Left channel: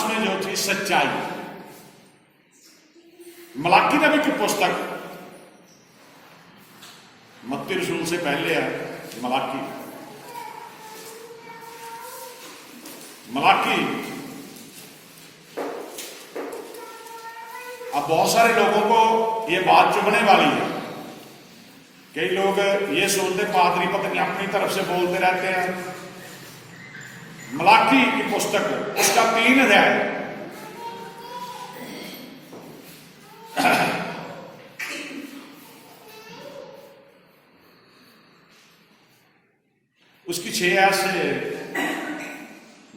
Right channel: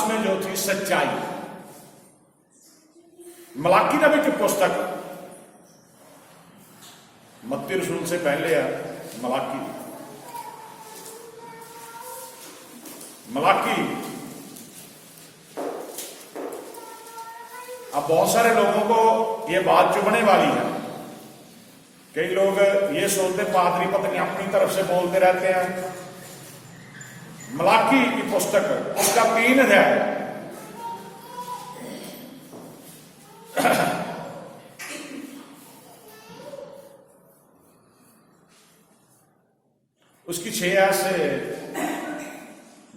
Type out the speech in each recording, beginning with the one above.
उसमें जो थी सच्चाई। मलाकी नबी की पुस्तक, मत्ती रसूल से पहले है मलाकी। अब बहुत सारे लोगों को ये बात चुभने वाली है। कई लोग ये सोचते पादरी पता नहीं अपनी तरफ से बोलते रहते हैं। मलाकी की पुस्तक उसका 3 अध्याय, उसकी 6 से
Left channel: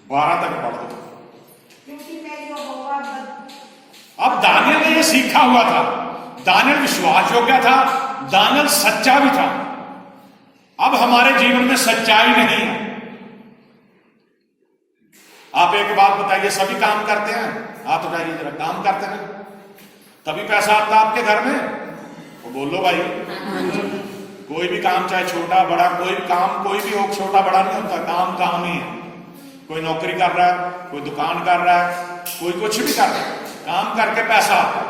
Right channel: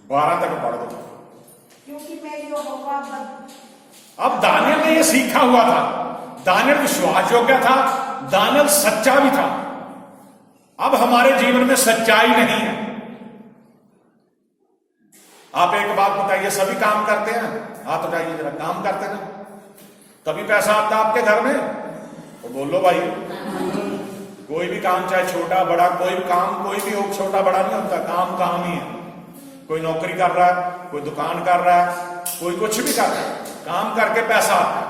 12 तक पढ़ दो। अब दानियल ने यह सीखा हुआ था, दानियल विश्वास योग्य था, दानियल सच्चा भी था। अब हमारे जीवन में सच्चाई नहीं है। आप एक बात बताइए, सभी काम करते हैं? आप बताइए जरा, काम करते हैं तभी पैसा आता है आपके घर में? तो बोलो भाई। कोई भी काम, चाहे छोटा बड़ा, कोई भी काम, कोई भी हो, छोटा बड़ा नहीं होता, काम काम ही है। कोई नौकरी कर रहा है, कोई दुकान कर रहा है, कोई कुछ भी कर रहा है, काम करके पैसा आता है।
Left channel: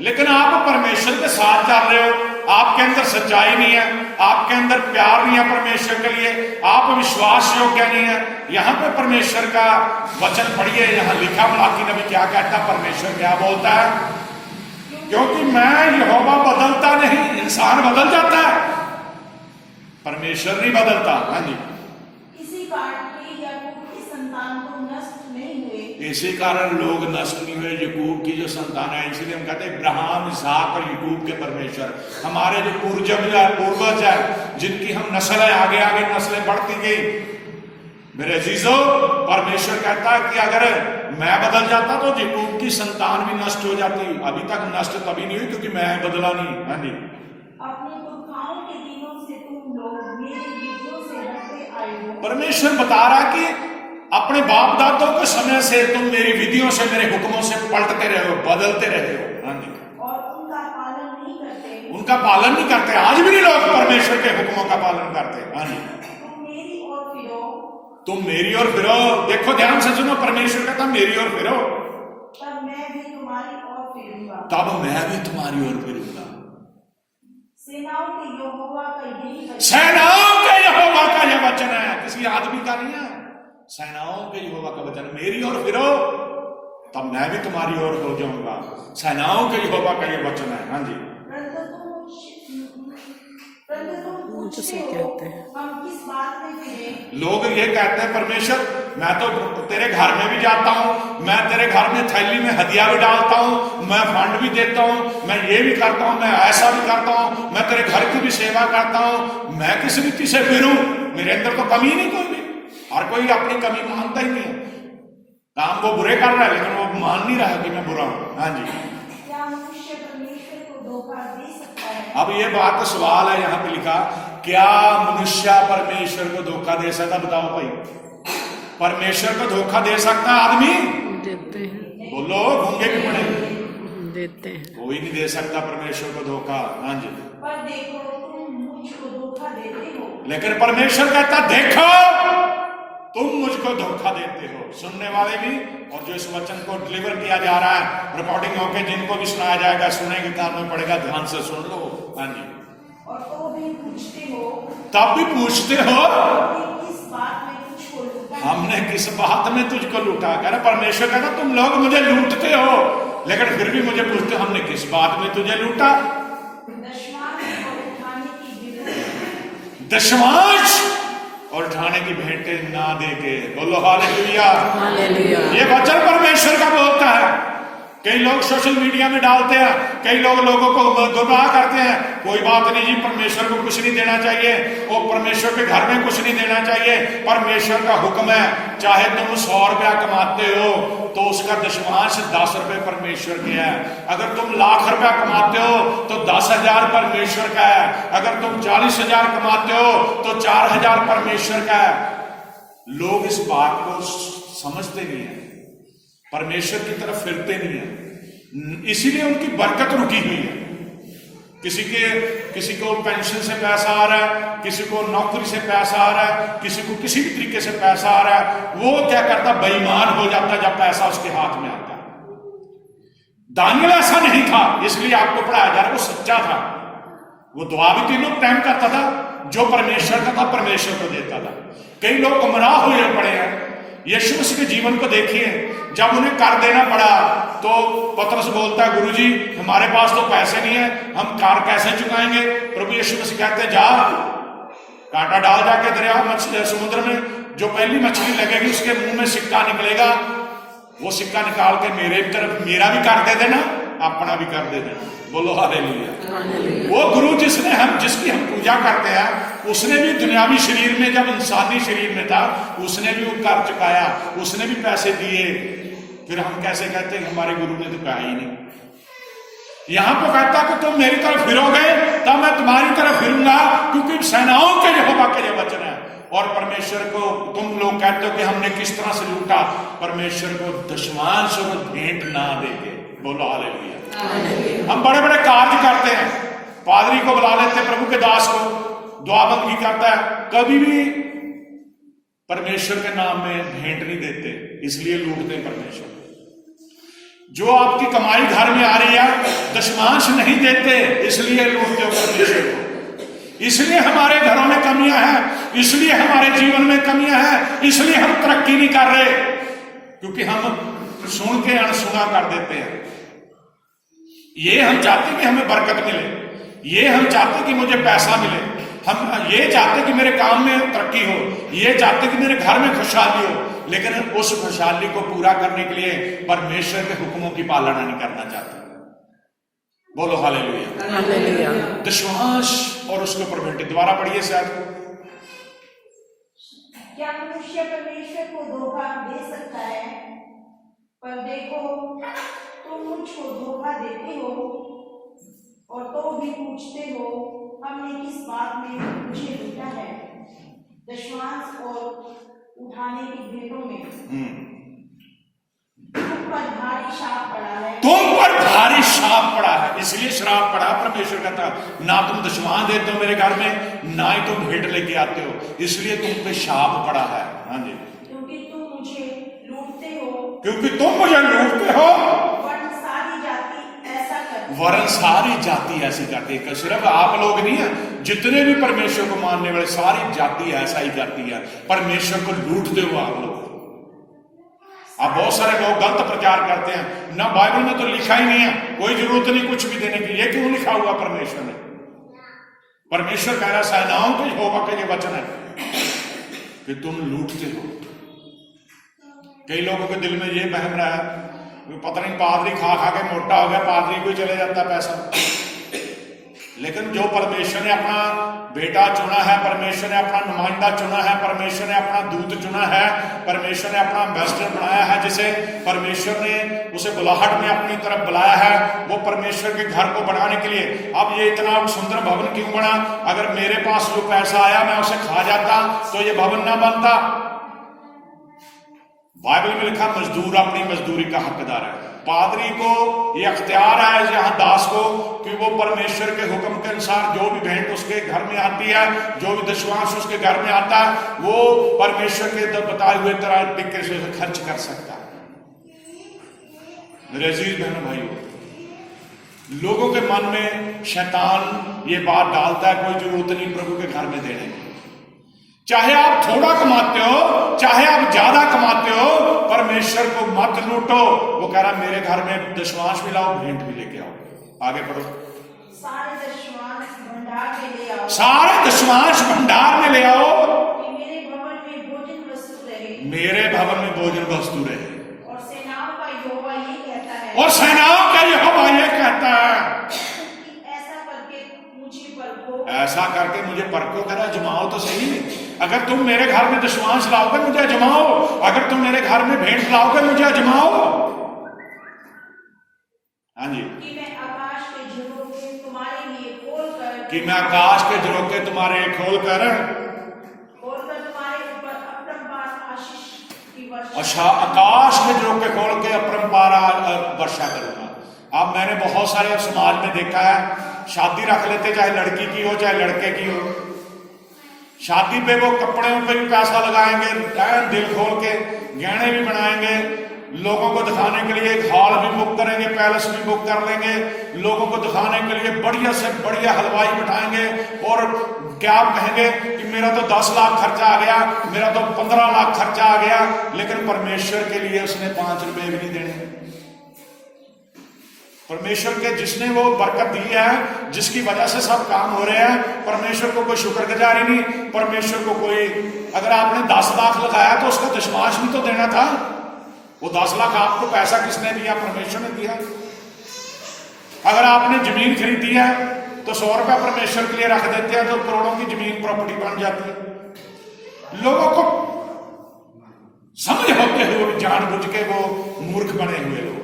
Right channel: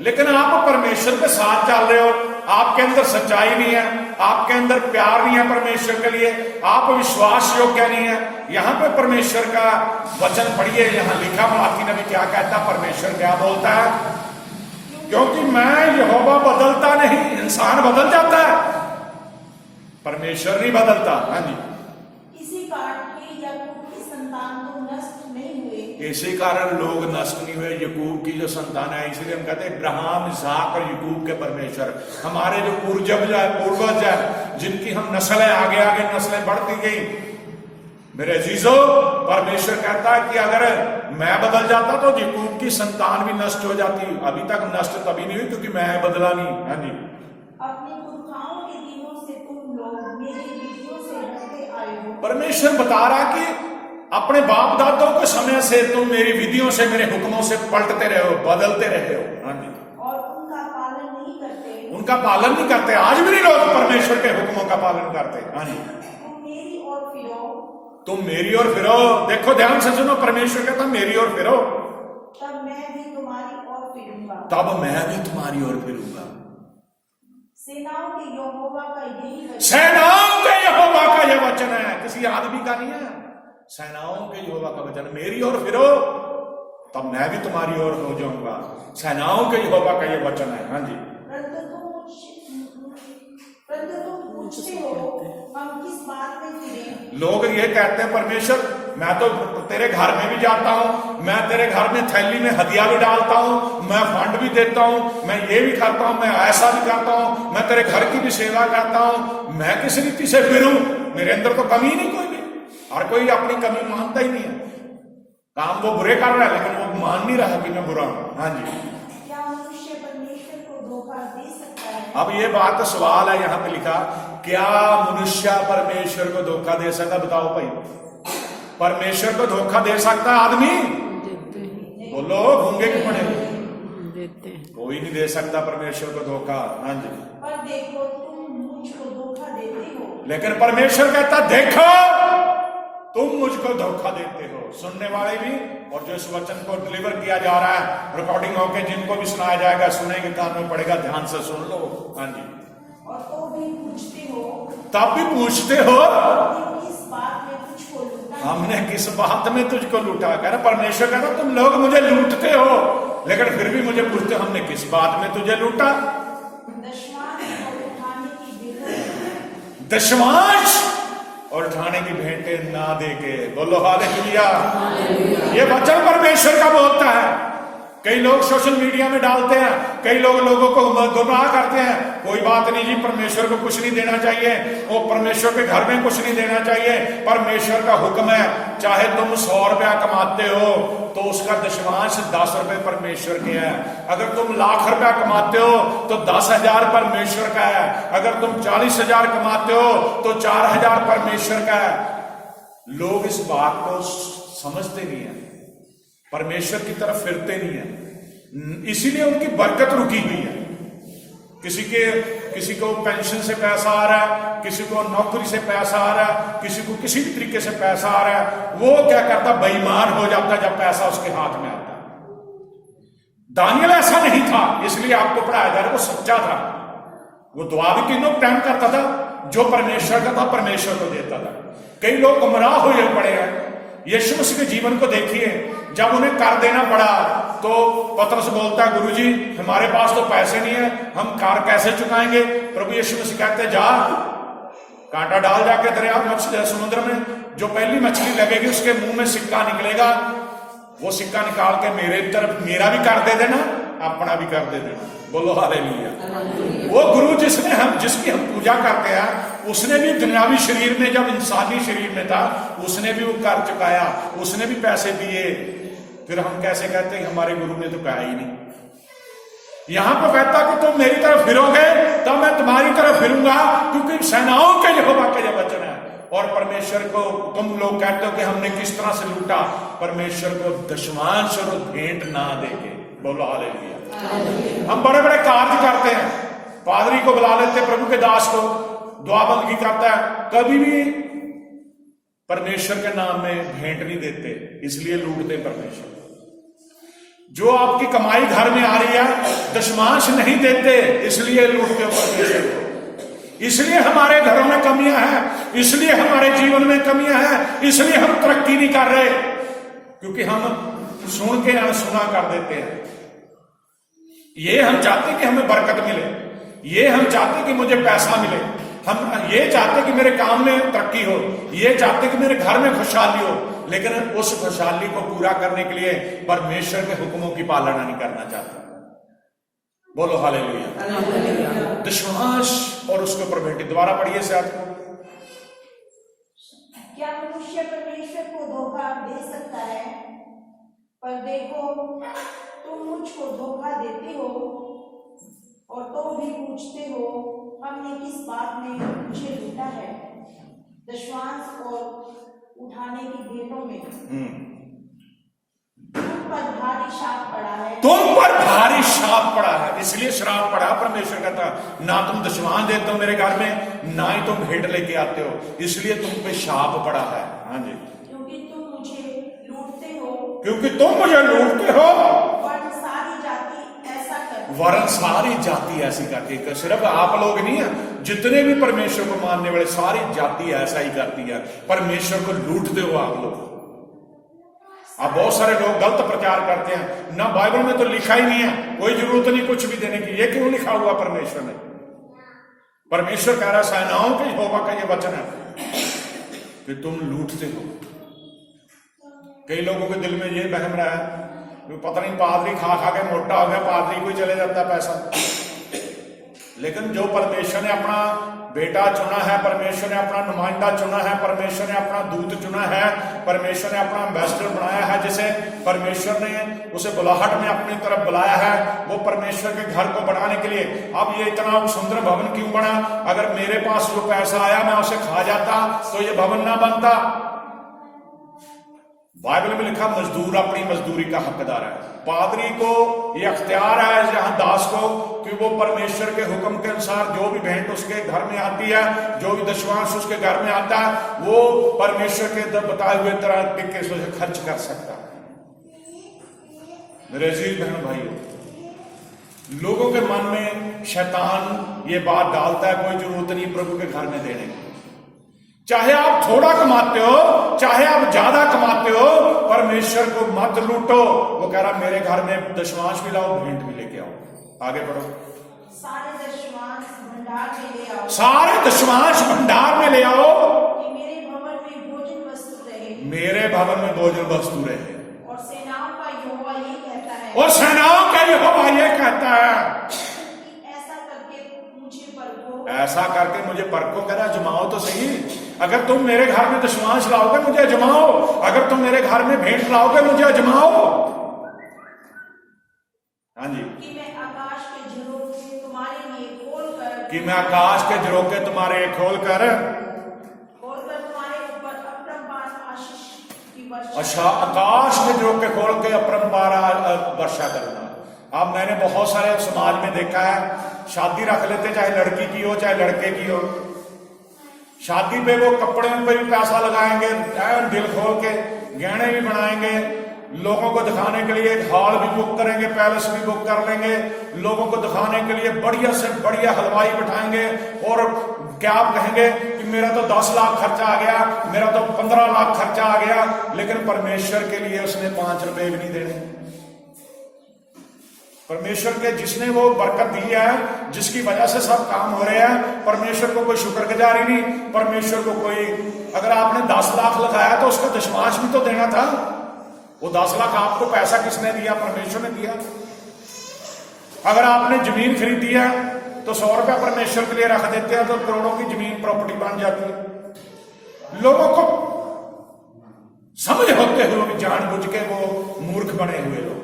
लेकिन आप परमेश्वर के साथ चल रहे हो, आपके अंदर सच्चाई नहीं है, आपके अंदर प्यार नहीं है परमेश्वर के लिए, आप विश्वास योग्य नहीं है। यहां पे परमेश्वर का वचन पढ़िए, यहां लिखा मलाकी नबी क्या कहता, परमेश्वर क्या बोलता है? क्योंकि मैं यहोवा बदलता नहीं। इंसान बदल जाता है, परमेश्वर नहीं बदलता। हाँ जी। इसी कारण लोग नष्ट नहीं हुए। यकूब की जो संतान है, इसीलिए हम कहते हैं इब्राहिम, इसहाक और यकूब के परमेश्वर, हमारे जो पूर्वज है, जिनकी हम नस्ल है, आगे आगे नस्लें बढ़ती गई। मेरे अजीजों, परमेश्वर कहता है कि अगर मैं बदल जाता तो यकूब की संतान भी नष्ट हो जाती। अभी तक नष्ट तभी नहीं हुई क्योंकि मैं बदला नहीं। हाँ जी। अपने पुरखाओं के दिनों से तुम लोग मेरी विधियों से डरते आए हो। परमेश्वर बता रहा कि अपने बाप दादों के समय से तुम मेरी विधियों से, मेरे हुक्मों से पलटते रहे हो, बदलते रहे हो। हाँ जी। और उनका पालन नहीं करते। उनका पालन नहीं करते। आज भी नहीं लोग परमेश्वर के हुक्मों का पालन करते। हाँ जी। तुम मेरी ओर फिरो। तुम मेरी ओर फिरो। देखो ध्यान से सुनो, परमेश्वर कहता मेरी ओर फिरो, तब मैं भी तुम्हारी ओर फिरूंगा। तब मैं भी तुम्हारी ओर फिरूंगा। सेनाओं के यहोवा का यही वचन। सेनाओं के यहोवा का यह वचन है, किसी आदमी का नहीं है। सेनाओं के यहोवा का वचन, मेरी ओर फिरो तब मैं भी तुम्हारी ओर हो जाऊंगा। सेनाओं के यहोवा का यह वचन है। हाँ जी। परंतु तुम पूछते हो हम किस बात में फिरें? लोग ये कहते हैं परमेश्वर, मैं तो तेरे घर में भी जाता हूँ, मैं तेरे घर में थैली में हदिया भी डालता हूँ, मैं फंड भी देता हूँ, मैं ये भी करता हूँ, मैं ऐसा भी करता हूँ, मैं तेरे घर की भी सेवा करता हूँ, मैं किस रीति से फिरूं? मेरे अंदर तो कमी नहीं कोई भी। हर कोई अपनी कमी मानता ही नहीं है। काम वो बुरे कर रहा है लेकिन वो मान नहीं रहा कि मैं बुरा हूं। हाँ जी। क्या मनुष्य परमेश्वर को धोखा दे सकता है? अब ये बात सवाल है, यहां पे लिखा, क्या मनुष्य परमेश्वर को धोखा दे सकता? बताओ भाई, परमेश्वर को धोखा दे सकता आदमी? देते हैं। बोलो, गूंगे के पड़े देते हैं। कोई नहीं दे सकता परमेश्वर को धोखा। हाँ जी। पर देखो तुम मुझको धोखा देते हो। लेकिन परमेश्वर कहता देखो तुम मुझको धोखा देते हो। सुनने वाले भी और जो इस वचन को डिलीवर किया जा रहा है, रिकॉर्डिंग होके जिनको भी सुनाया जाएगा, सुनेंगे कान में पड़ेगा, ध्यान से सुन लो। हाँ जी। और तो भी पूछते हो, तब भी पूछते हो किस बात में तुझको लूटा? हमने किस बात में तुझको लूटा? कह रहा परमेश्वर, कह रहा तुम लोग मुझे लूटते हो लेकिन फिर भी मुझे पूछते हो हमने किस बात में तुझे लूटा? दशमांश और उठाने की भेंटें ना देके। बोलो हालेलुया। ये वचन परमेश्वर का बोलता है। कई लोग सोशल मीडिया में डालते हैं, कई लोग लोगों को गुमराह करते हैं। कोई बात नहीं जी, परमेश्वर को कुछ नहीं देना चाहिए, और परमेश्वर के घर में कुछ नहीं देना चाहिए। परमेश्वर का हुक्म है, चाहे तुम 100 रुपया कमाते हो तो उसका दशमांश 10 रुपए परमेश्वर के हैं। अगर तुम लाख रुपया कमाते हो तो 10,000 परमेश्वर का है। अगर तुम 40,000 कमाते हो तो 4,000 परमेश्वर का है। लोग इस बात को समझते नहीं है, परमेश्वर की तरफ फिरते नहीं है, इसीलिए उनकी बरकत रुकी हुई है। किसी को पेंशन से पैसा आ रहा है, किसी को नौकरी से पैसा आ रहा है, किसी को किसी भी तरीके से पैसा आ रहा है, वो क्या करता, बेईमान हो जाता जब पैसा उसके हाथ में आता। दानियल ऐसा नहीं था, इसलिए आपको पढ़ाया जा रहा है, वो सच्चा था। वो दुआ भी तीनों टाइम करता था, जो परमेश्वर का था परमेश्वर को देता था। कई लोग गुमराह हुए पड़े हैं। यीशु मसीह के जीवन को देखिए, जब उन्हें कर देना पड़ा तो पतरस बोलता है, गुरुजी हमारे पास तो पैसे नहीं है, हम कार कैसे चुकाएंगे। प्रभु यीशु मसीह कहते हैं, जा कांटा डाल जाके दरिया मछली समुद्र में, जो पहली मछली लगेगी उसके मुंह में सिक्का निकलेगा, वो सिक्का निकाल के मेरे भी तरफ मेरा भी कर दे देना, अपना भी कर दे देना। बोलो हालेलुया। वो गुरु जिसकी हम पूजा करते हैं, उसने भी दुनियावी शरीर में, जब इंसानी शरीर में था, उसने भी वो कर चुकाया, उसने भी पैसे दिए। फिर हम कैसे कहते हैं हमारे गुरु ने तो कहा ही नहीं। यहां पर कहता कि तुम मेरी तरफ फिरोगे तब मैं तुम्हारी तरफ फिरूंगा, क्योंकि सेनाओं के यहोवा के ये वचन है। और परमेश्वर को तुम लोग कहते हो कि हमने किस तरह से लूटा, परमेश्वर को दशमांश और भेंट ना देके। बोलो हालेलुया। हम बड़े बड़े कार्य करते हैं, पादरी को बुला लेते, प्रभु के दास को दुआ बंदगी करता है, कभी भी परमेश्वर के नाम में भेंट नहीं देते, इसलिए लूटते परमेश्वर। जो आपकी कमाई घर में आ रही है, दशमांश नहीं देते, इसलिए लूटते परमेश्वर को। इसलिए हमारे घरों में कमियां हैं, इसलिए हमारे जीवन में कमियां हैं, इसलिए हम तरक्की नहीं कर रहे, क्योंकि हम सुन के अनसुना कर देते हैं। ये हम चाहते कि हमें बरकत मिले, ये हम चाहते कि मुझे पैसा मिले, हम ये चाहते कि मेरे काम में तरक्की हो, ये चाहते कि मेरे घर में खुशहाली हो, लेकिन उस खुशहाली को पूरा करने के लिए परमेश्वर के हुक्मों की पालना नहीं करना चाहते। बोलो हालेलुया। दशमांश और उसके ऊपर भेंट। दोबारा पढ़िए शायद। क्या मनुष्य परमेश्वर को धोखा दे सकता है? पर देखो, तुम मुझको धोखा देते हो और तो भी पूछते हो, हमने किस बात में मुझे लूटा है? दशमांश और उठाने की भेंटों में तुम पर भारी शाप पड़ा है। तुम पर भारी शाप पड़ा है, इसलिए श्राप पड़ा। परमेश्वर कहता, ना तुम दशमांश देते हो मेरे घर में, ना ही तुम भेंट लेके आते हो, इसलिए तुम पे शाप पड़ा है। हाँ जी, क्योंकि तुम मुझे लूटते हो, क्योंकि तुम मुझे लूटते हो, वरन सारी जाति ऐसा करती है। वरन सारी जाति ऐसी करती है। सिर्फ आप लोग नहीं है, जितने भी परमेश्वर को मानने वाले सारी जाति ऐसा ही करती है, परमेश्वर को लूटते हो आप लोग। अब बहुत सारे लोग गलत प्रचार करते हैं, ना बाइबल में तो लिखा ही नहीं है, कोई जरूरत नहीं कुछ भी देने की। ये क्यों लिखा हुआ परमेश्वर ने? परमेश्वर कह रहा, सेनाओं के यहोवा का ये वचन है कि तुम लूटते हो। कई लोगों के दिल में ये बहम रहा है, पता नहीं पादरी खा खा के मोटा हो गया, पादरी को चले जाता पैसा। लेकिन जो परमेश्वर ने अपना बेटा चुना है, परमेश्वर ने अपना नुमाइंदा चुना है, परमेश्वर ने अपना दूत चुना है, परमेश्वर ने अपना एम्बेसडर बनाया है, जिसे परमेश्वर ने उसे बुलाहट में अपनी तरफ बुलाया है, वो परमेश्वर के घर को बनाने के लिए। अब ये इतना सुंदर भवन क्यों बना? अगर मेरे पास वो पैसा आया, मैं उसे खा जाता तो ये भवन ना बनता। बाइबल में लिखा, मजदूर अपनी मजदूरी का हकदार है। पादरी को ये अख्तियार है यहाँ दास को कि वो परमेश्वर के हुक्म के अनुसार जो भी भेंट उसके घर में आती है, जो भी दशमांश उसके घर में आता है, वो परमेश्वर के बताए हुए तरह तरीके से उसे खर्च कर सकता है। मेरे अजीज बहनों भाइयों, लोगों के मन में शैतान ये बात डालता है, कोई जरूरत नहीं प्रभु के घर में देने की। चाहे आप थोड़ा कमाते हो, चाहे आप ज्यादा कमाते हो, परमेश्वर को मत लूटो। वो कह रहा मेरे घर में दशमांश भी लाओ, भेंट भी लेके आओ। आगे पढ़ो। सारे दशमांश भंडार में ले आओ, सारे दशमांश भंडार में ले आओ, कि मेरे भवन में भोजन वस्तु रहे, मेरे भवन में भोजन वस्तु रहे। और सेनाओं का यहोवा ये कहता है, और सेनाओं का यहोवा ये कहता है, ऐसा करके मुझे परखो, ऐसा करके मुझे परखो। करा जमाओ तो सही। अगर तुम मेरे घर में दशमांश लाओगे, मुझे अजमाओ। अगर तुम मेरे घर में भेंट लाओगे, मुझे अजमाओ। हाँ जी, कि मैं आकाश के झरोखे तुम्हारे लिए खोलकर, कि मैं आकाश के झरोखे तुम्हारे खोलकर तुम्हारे ऊपर अपरंपार आशीष की वर्षा। अच्छा, आकाश के झरोखे खोल के अपरंपार वर्षा करूंगा। अब मैंने बहुत सारे समाज में देखा है, शादी रख लेते, चाहे लड़की की हो चाहे लड़के की हो। शादी पे वो कपड़े पे भी पैसा लगाएंगे, दिल खोल के गहने भी बनाएंगे, लोगों को दिखाने के लिए एक हॉल भी बुक करेंगे, पैलेस भी बुक कर लेंगे, लोगों को दिखाने के लिए बढ़िया से बढ़िया हलवाई बिठाएंगे और क्या आप कहेंगे कि मेरा तो 10 लाख खर्चा आ गया, मेरा तो 15 लाख खर्चा आ गया, लेकिन परमेश्वर के लिए उसने 5 रुपए भी नहीं देने। परमेश्वर के जिसने वो बरकत दी है, जिसकी वजह से सब काम हो रहे हैं, परमेश्वर को कोई शुक्रगुजारी नहीं, परमेश्वर को कोई, अगर आपने 10 लाख लगाया तो उसका दशमांश भी तो देना था। वो 10 लाख आपको पैसा किसने दिया? परमेश्वर ने दिया। अगर आपने जमीन खरीदी है तो 100 रुपया परमेश्वर के लिए रख देते हैं तो करोड़ों की जमीन प्रॉपर्टी बन जाती है। लोगों को समझ होते हुए जानबूझ के वो मूर्ख बने हुए लोग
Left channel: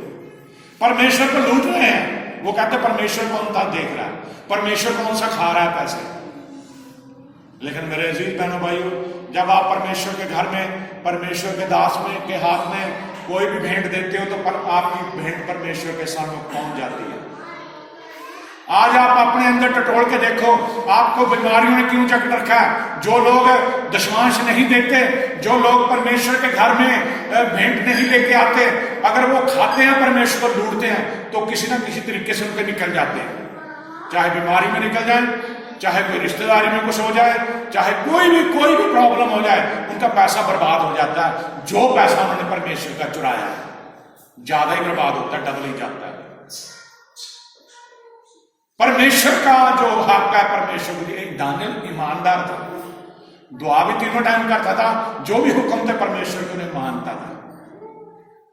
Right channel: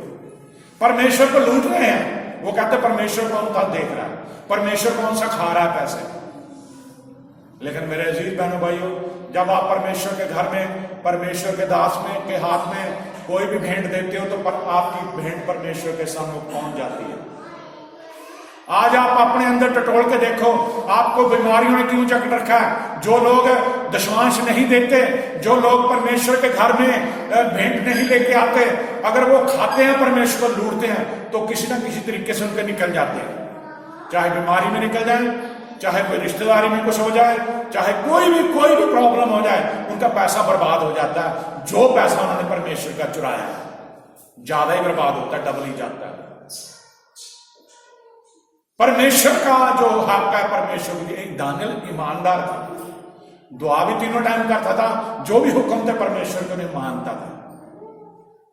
परमेश्वर को लूट रहे हैं। वो कहते परमेश्वर कौन था देख रहा है, परमेश्वर कौन सा खा रहा है पैसे। लेकिन मेरे अजीज बहनों भाइयों, जब आप परमेश्वर के घर में, परमेश्वर के दास में के हाथ में कोई भी भेंट देते हो तो आपकी भेंट परमेश्वर के सामने पहुंच जाती है। आज आप अपने अंदर टटोल के देखो, आपको बीमारियों ने क्यों जकड़ रखा है? जो लोग दशमांश नहीं देते, जो लोग परमेश्वर के घर में भेंट नहीं लेके आते, अगर वो खाते हैं परमेश्वर को लूटते हैं तो किसी ना किसी तरीके से उनके निकल जाते हैं। चाहे बीमारी में निकल जाए, चाहे कोई रिश्तेदारी में कुछ हो जाए, चाहे कोई भी प्रॉब्लम हो जाए, उनका पैसा बर्बाद हो जाता है। जो पैसा उन्होंने परमेश्वर का चुराया ज्यादा ही बर्बाद होता, डबल ही जाता है। परमेश्वर का जो हक है, परमेश्वर के लिए दानियल ईमानदार था, दुआ भी 3 टाइम करता था, जो भी हुक्म थे परमेश्वर को नहीं मानता था।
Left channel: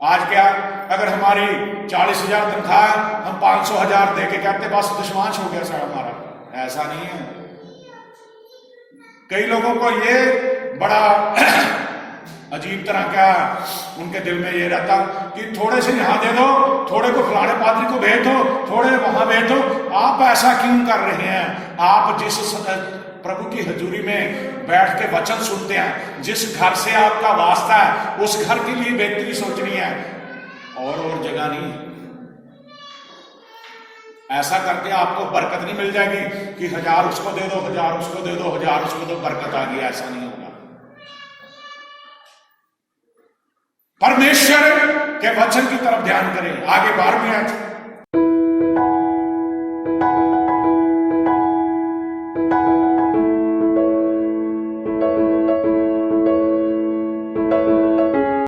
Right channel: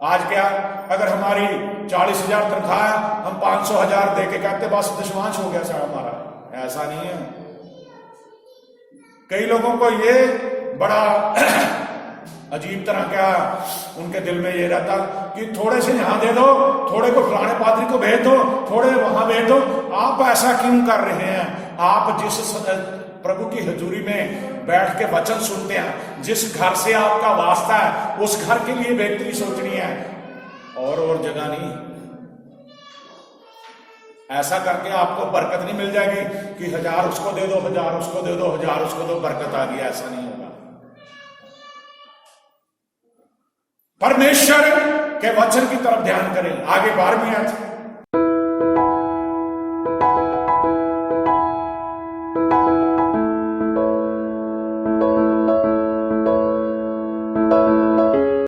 आज क्या, अगर हमारी 40,000 तनख्वाह, हम 500,000 दे के कहते बस दशमांश हो गया सारा हमारा। ऐसा नहीं है। कई लोगों को ये बड़ा अजीब तरह का उनके दिल में ये रहता कि थोड़े से यहां दे दो, थोड़े को फलाने पादरी को भेज दो, थोड़े वहां भेज दो। आप ऐसा क्यों कर रहे हैं? आप जिस प्रभु की हजूरी में बैठ के वचन सुनते हैं, जिस घर से आपका वास्ता है, उस घर के लिए बेहतरी सोचनी है और जगह नहीं। ऐसा करके आपको बरकत नहीं मिल जाएगी कि 1000 उसको दे दो, 1000 उसको दे दो, 1000 उसको दो, बरकत आ गई। ऐसा नहीं होगा। परमेश्वर के वचन की तरफ ध्यान करें। आगे 12वीं आयत